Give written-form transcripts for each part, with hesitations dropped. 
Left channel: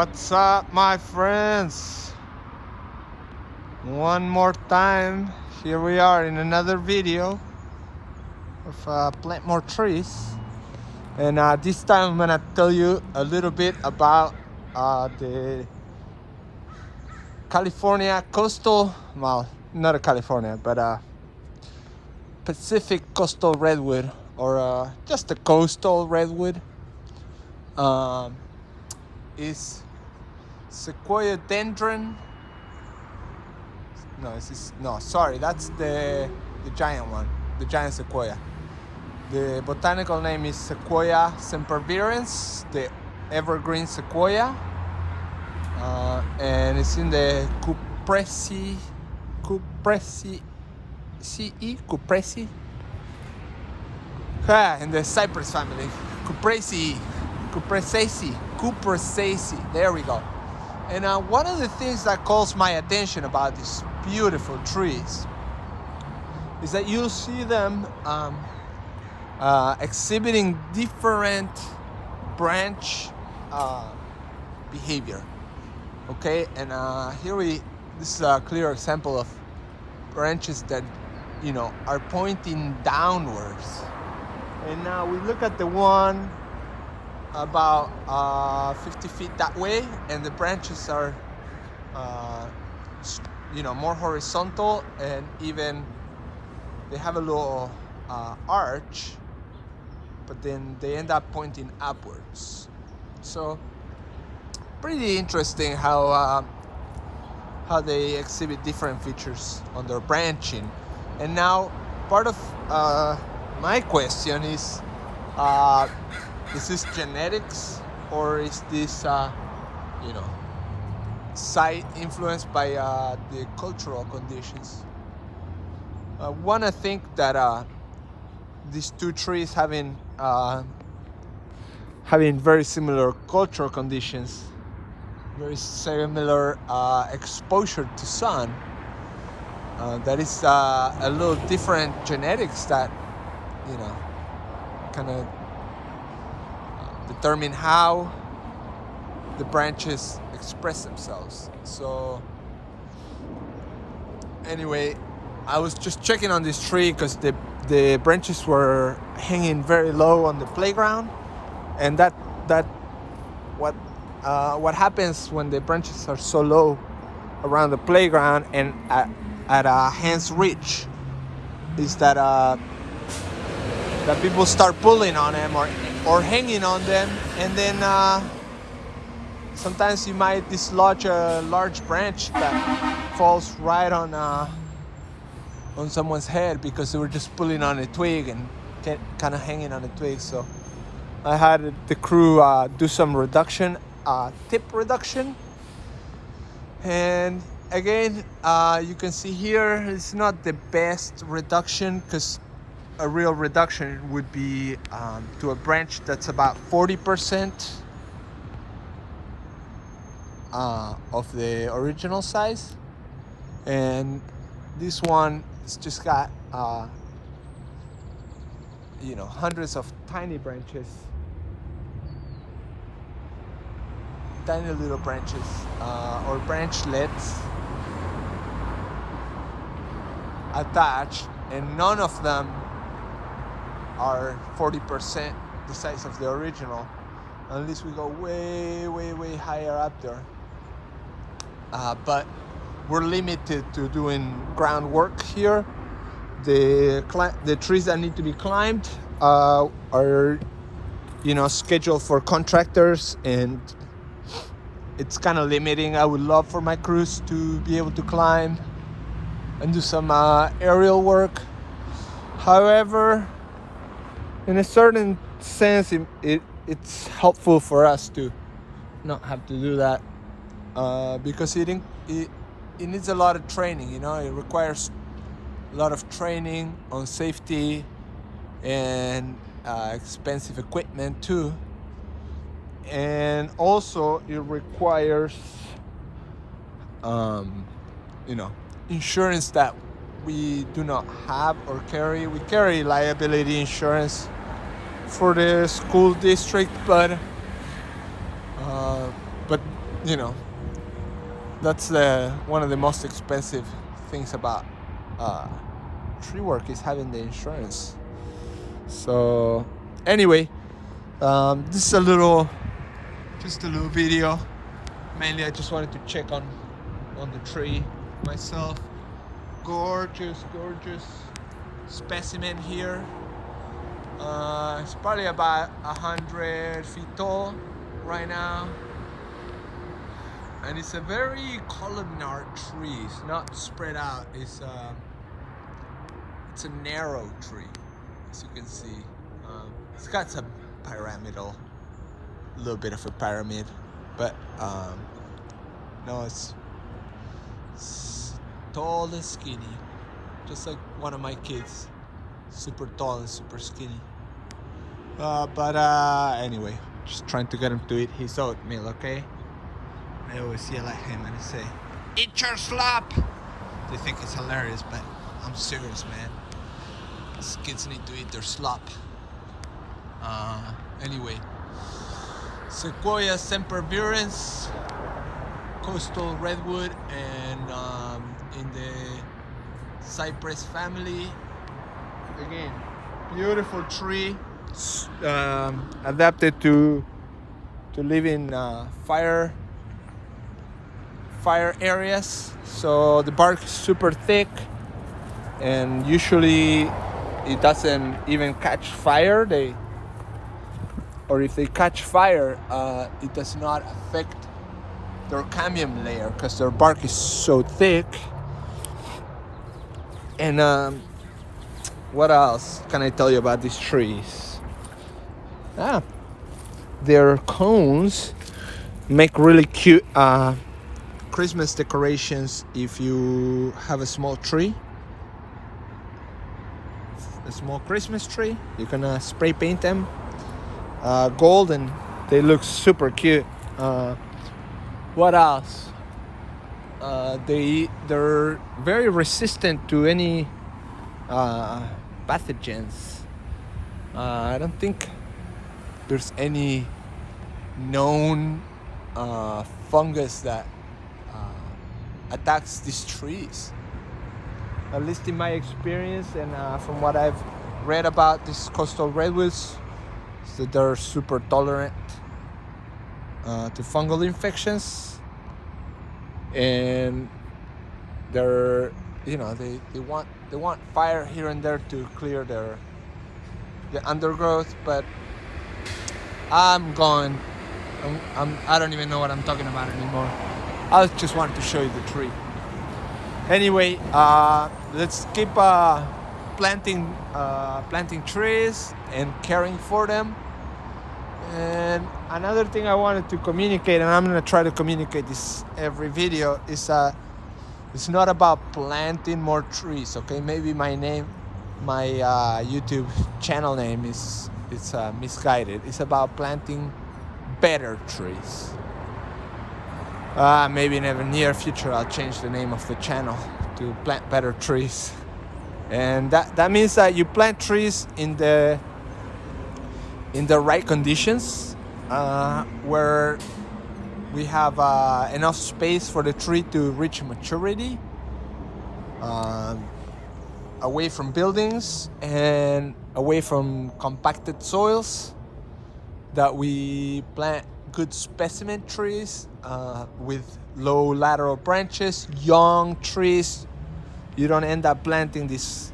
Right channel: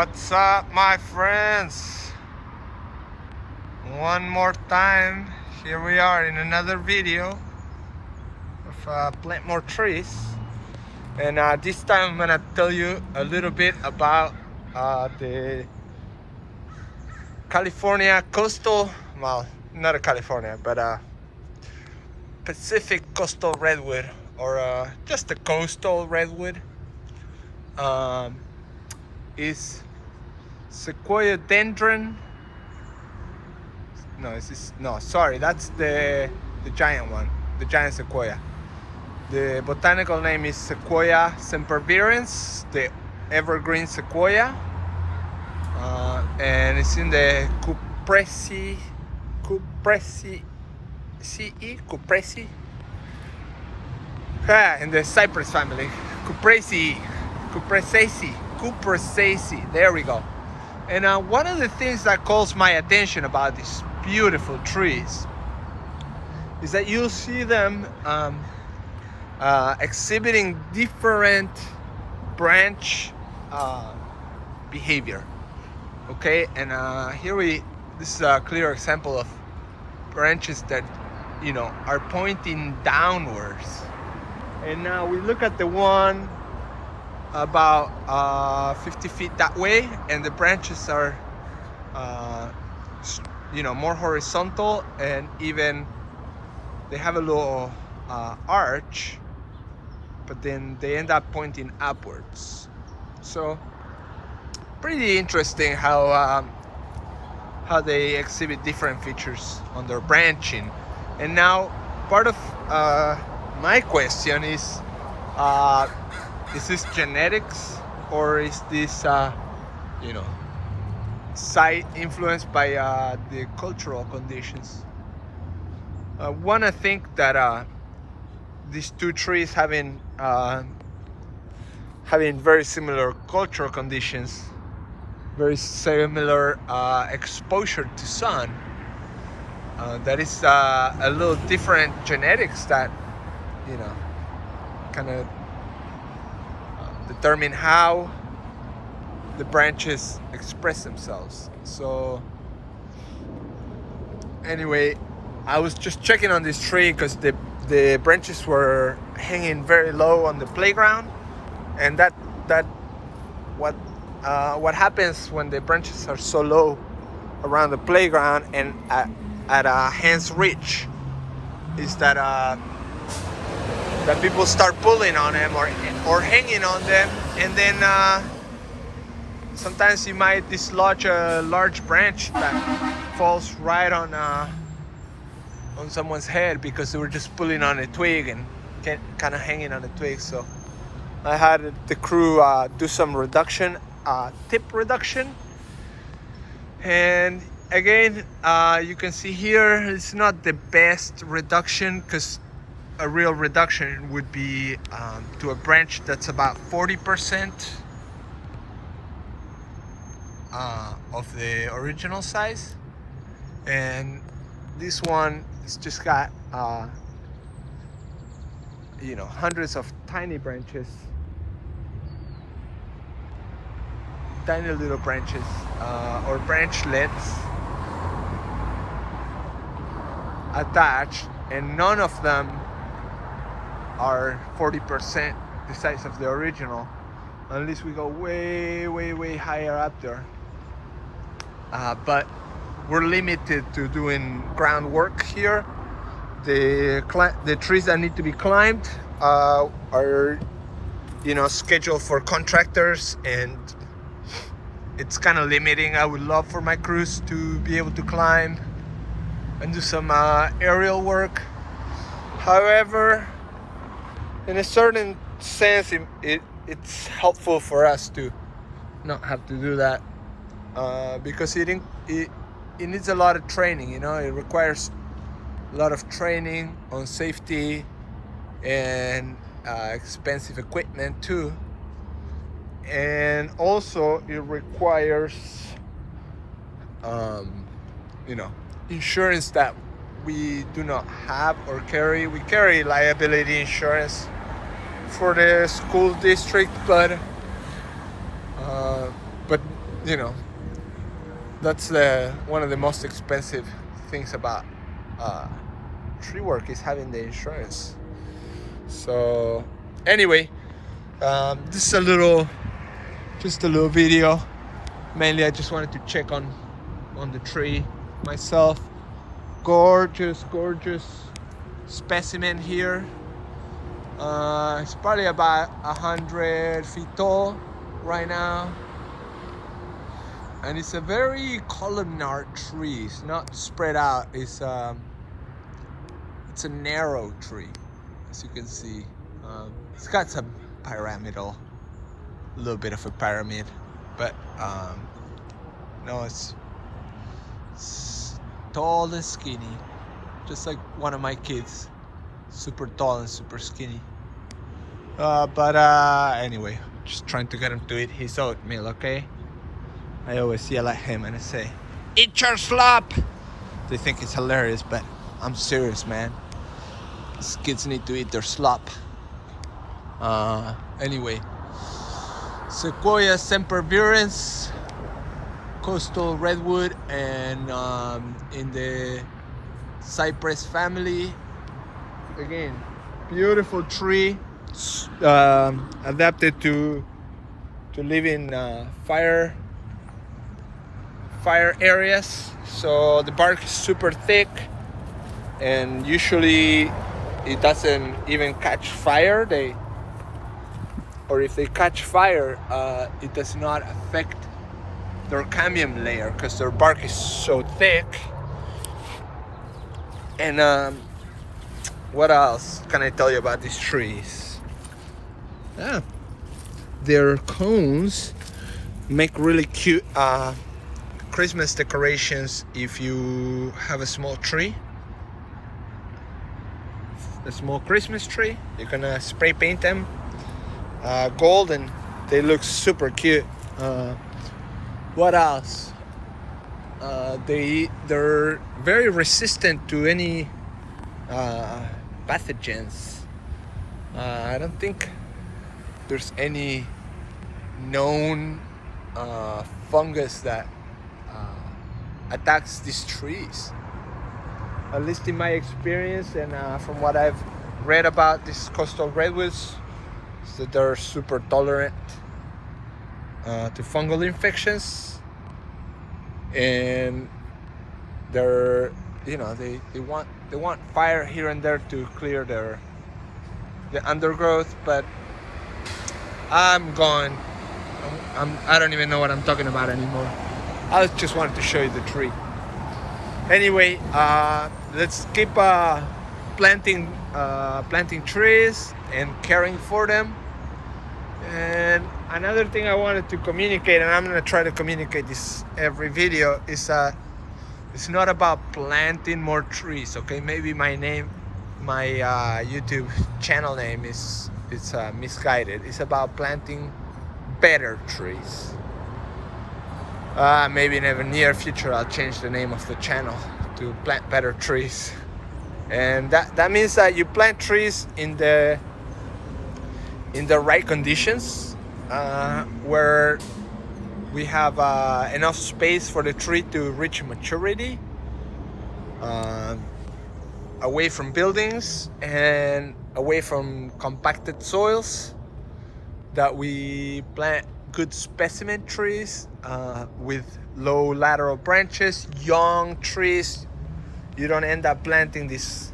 What's up, my friends? One more time, here we are in another video of plant more trees, and this time I'm gonna tell you a little bit about the California coastal, well, not a California, but Pacific coastal redwood, or just a coastal redwood. Is Sequoia dendron. Sorry, that's the giant one, the giant sequoia. The botanical name is Sequoia sempervirens, the evergreen sequoia, and it's in the Cupressaceae, in the cypress family. Cupressaceae. There we go. And one of the things that calls my attention about these beautiful trees is that you'll see them exhibiting different branch behavior. Okay, and this is a clear example of branches that are pointing downwards. And now we look at the one about 50 feet that way, and the branches are more horizontal, and even they have a little arch, but then they end up pointing upwards. So pretty interesting how they exhibit different features on their branching. And now part of my question is this genetics, or is this site influenced by the cultural conditions? I think that these two trees having very similar cultural conditions, very similar exposure to sun, that is a little different genetics that kind of determine how the branches express themselves. So anyway, I was just checking on this tree because the branches were hanging very low on the playground, and what happens when the branches are so low around the playground and at hand's reach is that people start pulling on them or hanging on them, and then sometimes you might dislodge a large branch that falls right on someone's head because they were just pulling on a twig and kind of hanging on a twig. So I had the crew do some tip reduction, and again you can see here it's not the best reduction, because a real reduction would be to a branch that's about 40% of the original size, and this one has just got hundreds of tiny branches, tiny little branches or branchlets attached, and none of them are 40% the size of the original, unless we go way higher up there. But we're limited to doing groundwork here. The trees that need to be climbed are scheduled for contractors, and it's kind of limiting. I would love for my crews to be able to climb and do some aerial work. However, in a certain sense, it's helpful for us to not have to do that, because it needs a lot of training. It requires a lot of training on safety and expensive equipment too, and also it requires insurance that we do not have or carry. We carry liability insurance for the school district, but you know, that's one of the most expensive things about tree work is having the insurance. So anyway, this is just a little video. Mainly I just wanted to check on the tree myself. Gorgeous specimen here. It's probably about 100 feet tall right now, and it's a very columnar tree. It's not spread out. It's a narrow tree, as you can see. It's got some pyramidal, a little bit of a pyramid, but no, it's tall and skinny, just like one of my kids, super tall and super skinny. But anyway, just trying to get him to eat his oatmeal, okay? I always yell at him and I say, "Eat your slop!" They think it's hilarious, but I'm serious, man. These kids need to eat their slop. Anyway, Sequoia sempervirens, coastal redwood, and in the cypress family. Again, beautiful tree, adapted to live in fire areas. So the bark is super thick, and usually it doesn't even catch fire. Or if they catch fire, it does not affect their cambium layer because their bark is so thick. And what else can I tell you about these trees? Their cones make really cute Christmas decorations. If you have a small tree, a small Christmas tree, you can spray paint them gold and they look super cute. What else? They're very resistant to any pathogens. I don't think there's any known fungus that attacks these trees. At least in my experience and from what I've read about these coastal redwoods, is that they're super tolerant to fungal infections, and they're, you know, they want fire here and there to clear the undergrowth. But I don't even know what I'm talking about anymore. I just wanted to show you the tree. Anyway, let's keep planting trees and caring for them. And another thing I wanted to communicate, and I'm gonna try to communicate this every video, is it's not about planting more trees, okay? Maybe my YouTube channel name is misguided. It's about planting better trees. Maybe in the near future I'll change the name of the channel to Plant Better Trees. And that means that you plant trees in the right conditions, where we have enough space for the tree to reach maturity, away from buildings and away from compacted soils, that we plant good specimen trees with low lateral branches, young trees. You don't end up planting this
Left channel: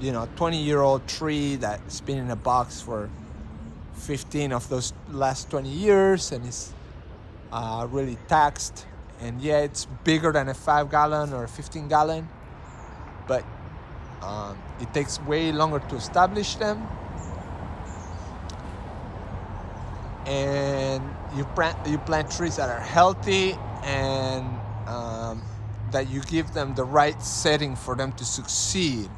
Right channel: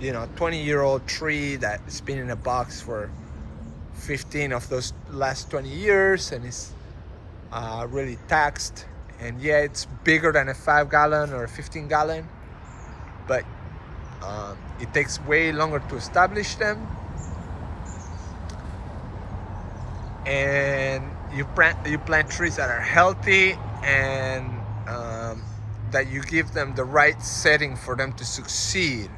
20-year-old tree that's been in a box for 15 of those last 20 years and is really taxed. And yeah, it's bigger than a 5-gallon or a 15-gallon, but it takes way longer to establish them. And you plant trees that are healthy and that you give them the right setting for them to succeed.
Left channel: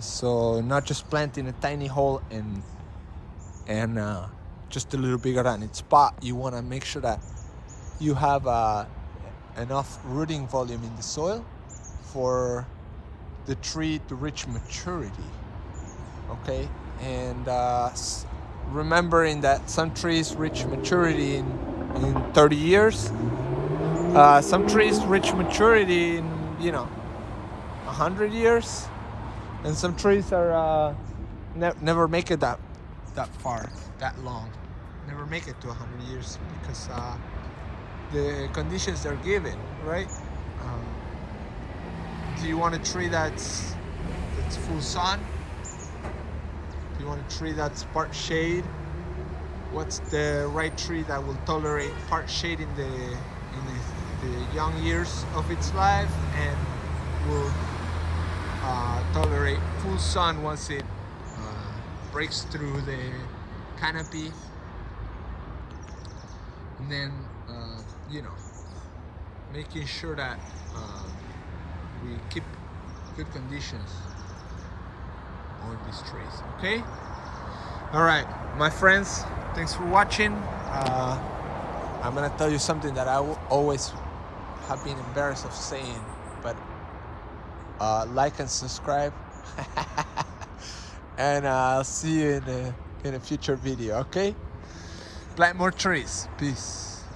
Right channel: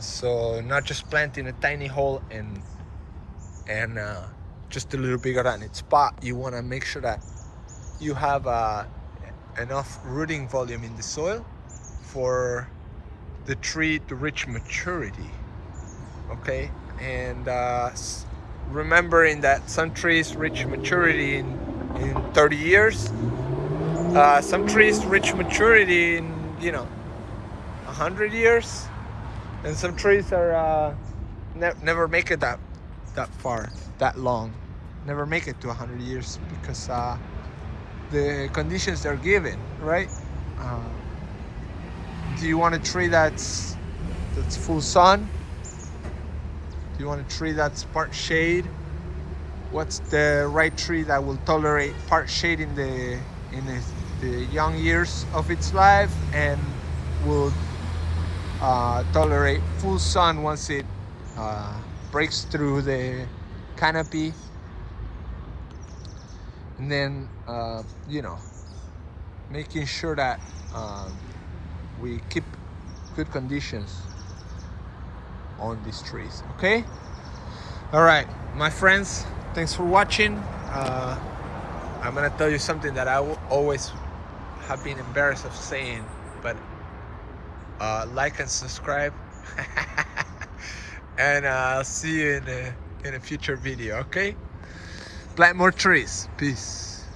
So not just planting a tiny hole and just a little bigger than its pot. You want to make sure that you have enough rooting volume in the soil for the tree to reach maturity. Okay, and remembering that some trees reach maturity in 30 years, Some trees reach maturity in, you know, 100 years, and some trees are never make it that far, that long, never make it to 100 years because the conditions they're given, right? Do you want a tree that's full sun? Do you want a tree that's part shade? What's the right tree that will tolerate part shade in the young years of its life and will tolerate full sun once it breaks through the canopy? And then you know, making sure that we keep good conditions on these trees. Okay, all right, my friends, thanks for watching. I'm gonna tell you something that I always have been embarrassed of saying, but like and subscribe. And I'll see you in a future video. Okay, plant more trees. Peace.